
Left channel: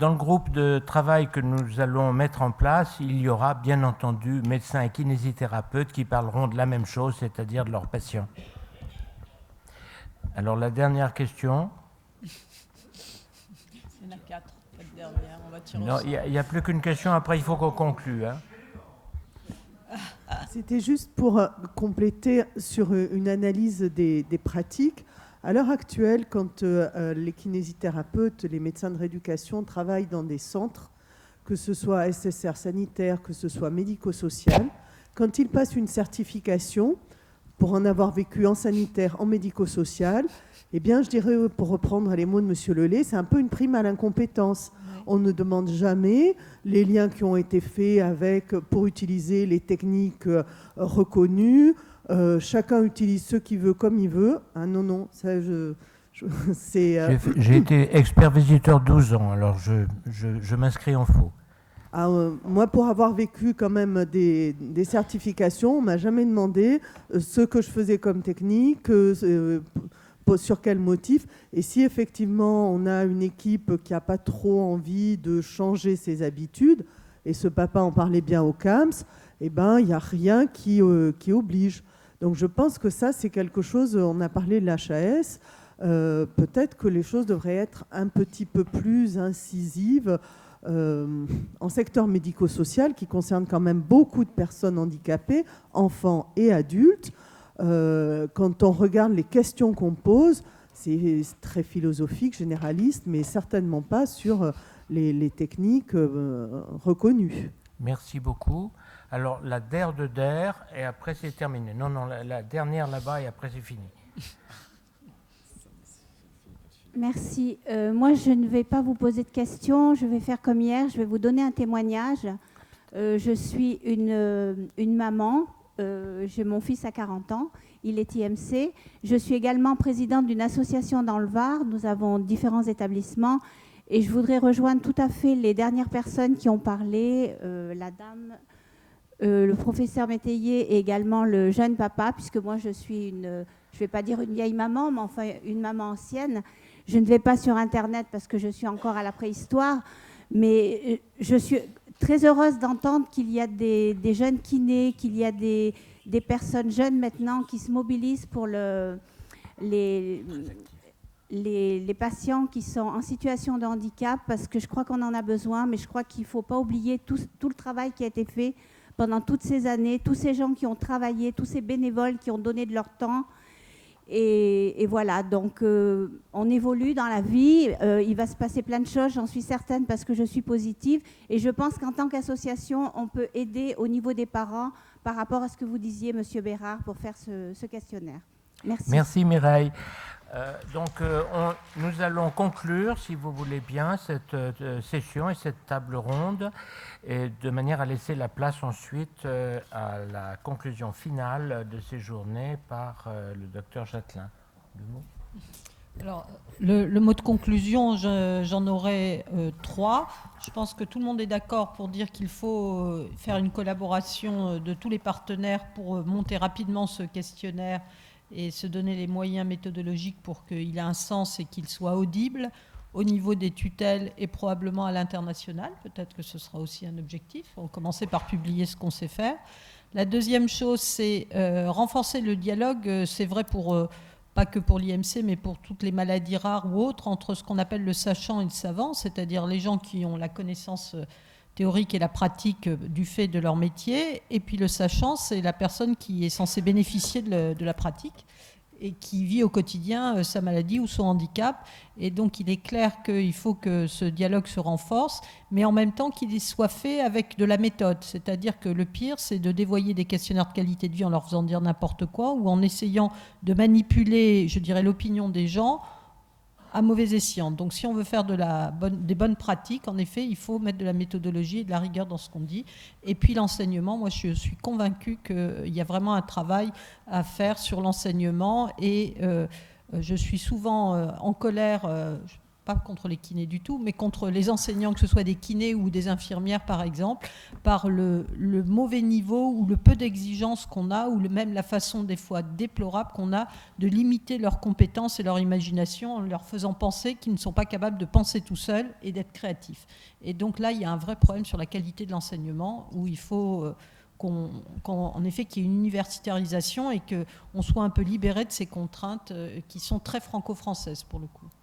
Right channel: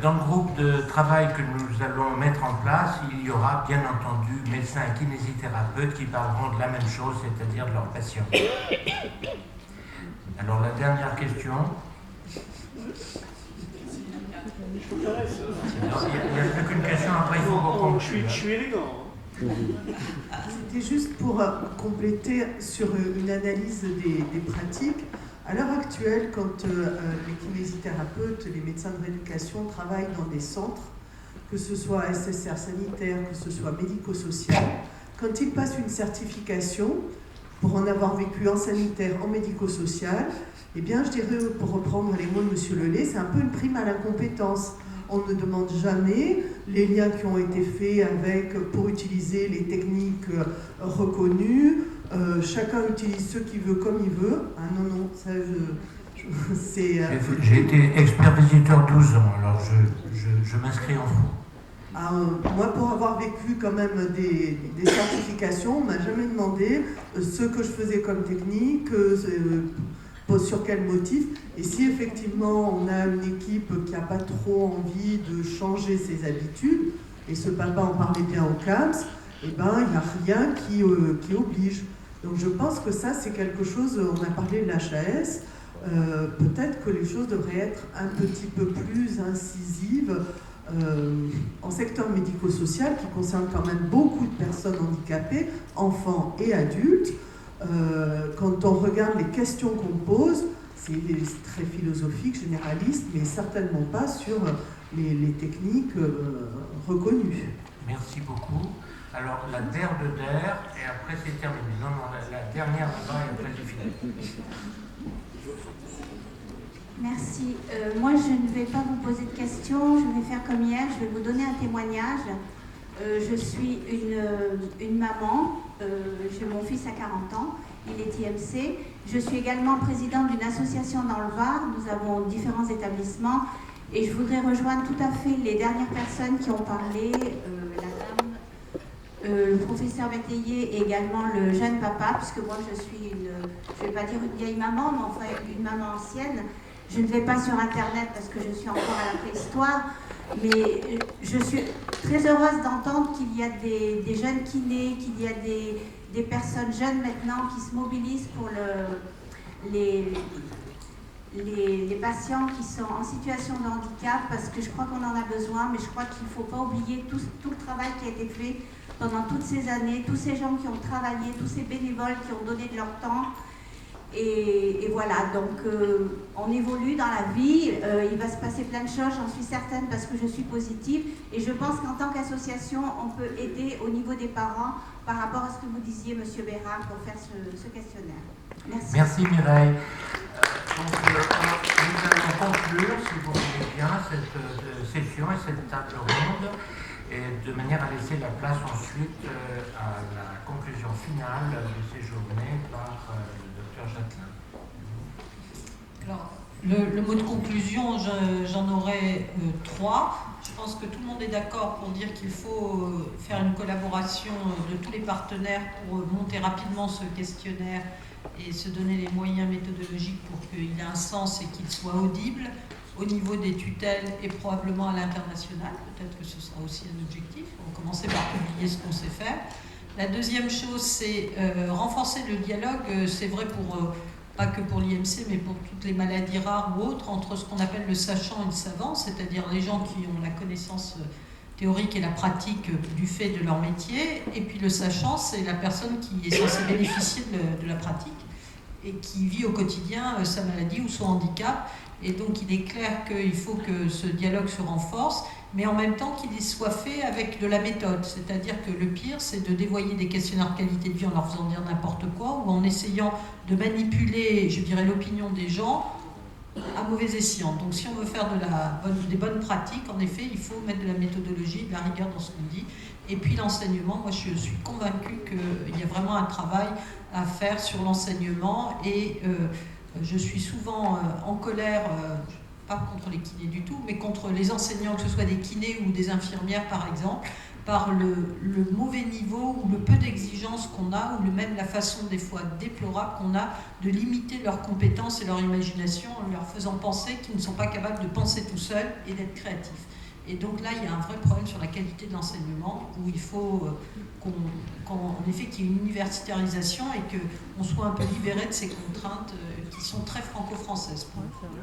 Dans le groupe de travail que nous allons mettre en place, il y aura bien entendu médecins et kinésithérapeutes qui parleront de la même chose, c'est-à-dire de leurs patients. Alors, la dernière question. Il n'y a plus qu'une question, après il faut qu'on conclue. Je suis élégant. C'était juste pour compléter sur une analyse des pratiques. À l'heure actuelle, quand les kinésithérapeutes, les médecins de rééducation travaillent dans des centres, que ce soit SSR sanitaire, que ce soit médico-social, quand ils passent une certification, pour en avoir vécu en sanitaire, en médico-social, eh bien, je dirais, pour reprendre les mots de M. Lelay, c'est un peu une prime à l'incompétence. On ne demande jamais les liens qui ont été faits pour utiliser les techniques reconnues. Chacun utilise ce qu'il veut comme il veut. Ah non, ça c'est... J'ai été expert visiteur 12 ans, alors je m'inscris en faux. Moi, pour avoir vécu quand même des certifications, on ne m'a jamais demandé ce que je faisais comme technique, sur quel motif. Et si effectivement on a une équipe qui n'a pas trop envie de changer ses habitudes, Et ce papa en parlait bien au CAMS, eh ben, il n'y a rien qui oblige. Donc je pense que ça, c'est quelque chose, on a parlé de l'HAS, peut-être que les choses devraient être un petit peu plus incisives en secteur médico-social, qui concerne quand même beaucoup de personnes handicapées, enfants et adultes. Quand on regarde les questions qu'on pose, c'est très philosophique, généraliste, mais certainement pas sur les techniques reconnues. Merci beaucoup. Alors, la DER de DER, et après c'est terminé. Non, la dernière là-bas, et après c'est fini. Merci. Moi, je ne vais pas vous poser de questions. Je vais faire comme hier. Je vais vous donner un témoignage. Je suis une maman. J'ai mon fils à 40 ans. Il est IMC. Je suis également présidente d'une association dans le Var. Nous avons différents établissements. Et je voudrais rejoindre tout à fait les dernières personnes qui ont parlé. La dame, le professeur Métayer et également le jeune papa, puisque moi je suis je ne vais pas dire une vieille maman, mais enfin une maman ancienne. Je ne vais pas sur Internet parce que je suis encore à la préhistoire, mais je suis très heureuse d'entendre qu'il y a des jeunes kinés, qu'il y a des personnes jeunes maintenant qui se mobilisent pour les patients qui sont en situation de handicap, parce que je crois qu'on en a besoin, mais je crois qu'il ne faut pas oublier tout le travail qui a été fait pendant toutes ces années, tous ces gens qui ont travaillé, tous ces bénévoles qui ont donné de leur temps. Et voilà, donc on évolue dans la vie, il va se passer plein de choses, j'en suis certaine, parce que je suis positive. Et je pense qu'en tant qu'association, on peut aider au niveau des parents par rapport à ce que vous disiez, Monsieur Bérard, pour faire ce questionnaire. Merci. Merci Mireille. Nous allons conclure, si vous voulez bien, cette session et cette table ronde, et de manière à laisser la place ensuite à la conclusion finale de ces journées par le docteur Jacquelin. Alors, le mot de conclusion, j'en aurai 3. Je pense que tout le monde est d'accord pour dire qu'il faut faire une collaboration de tous les partenaires pour monter rapidement ce questionnaire et se donner les moyens méthodologiques pour qu'il ait un sens et qu'il soit audible au niveau des tutelles et probablement à l'international. Peut-être que ce sera aussi un objectif. On va commencer par publier ce qu'on sait faire. La deuxième chose, c'est renforcer le dialogue. C'est vrai pas que pour l'IMC, mais pour toutes les maladies rares ou autres, entre ce qu'on appelle le sachant et le savant, c'est-à-dire les gens qui ont la connaissance théorique et la pratique du fait de leur métier, et puis le sachant, c'est la personne qui est censée bénéficier de la pratique et qui vit au quotidien sa maladie ou son handicap. Et donc il est clair qu'il faut que ce dialogue se renforce, mais en même temps qu'il soit fait avec de la méthode. C'est-à-dire que le pire, c'est de dévoyer des questionnaires de qualité de vie en leur faisant dire n'importe quoi, ou en essayant de manipuler, je dirais, l'opinion des gens à mauvais escient. Donc si on veut faire des bonnes pratiques, en effet, il faut mettre de la méthodologie et de la rigueur dans ce qu'on dit. Et puis l'enseignement, moi je suis convaincue qu'il y a vraiment un travail à faire sur l'enseignement, et je suis souvent en colère, pas contre les kinés du tout, mais contre les enseignants, que ce soit des kinés ou des infirmières par exemple, par le mauvais niveau ou le peu d'exigence qu'on a, ou même la façon des fois déplorable qu'on a de limiter leurs compétences et leur imagination en leur faisant penser qu'ils ne sont pas capables de penser tout seuls et d'être créatifs. Et donc là, il y a un vrai problème sur la qualité de l'enseignement, où il faut en effet qu'il y ait une universitarisation et qu'on soit un peu libéré de ces contraintes qui sont très franco-françaises pour le coup.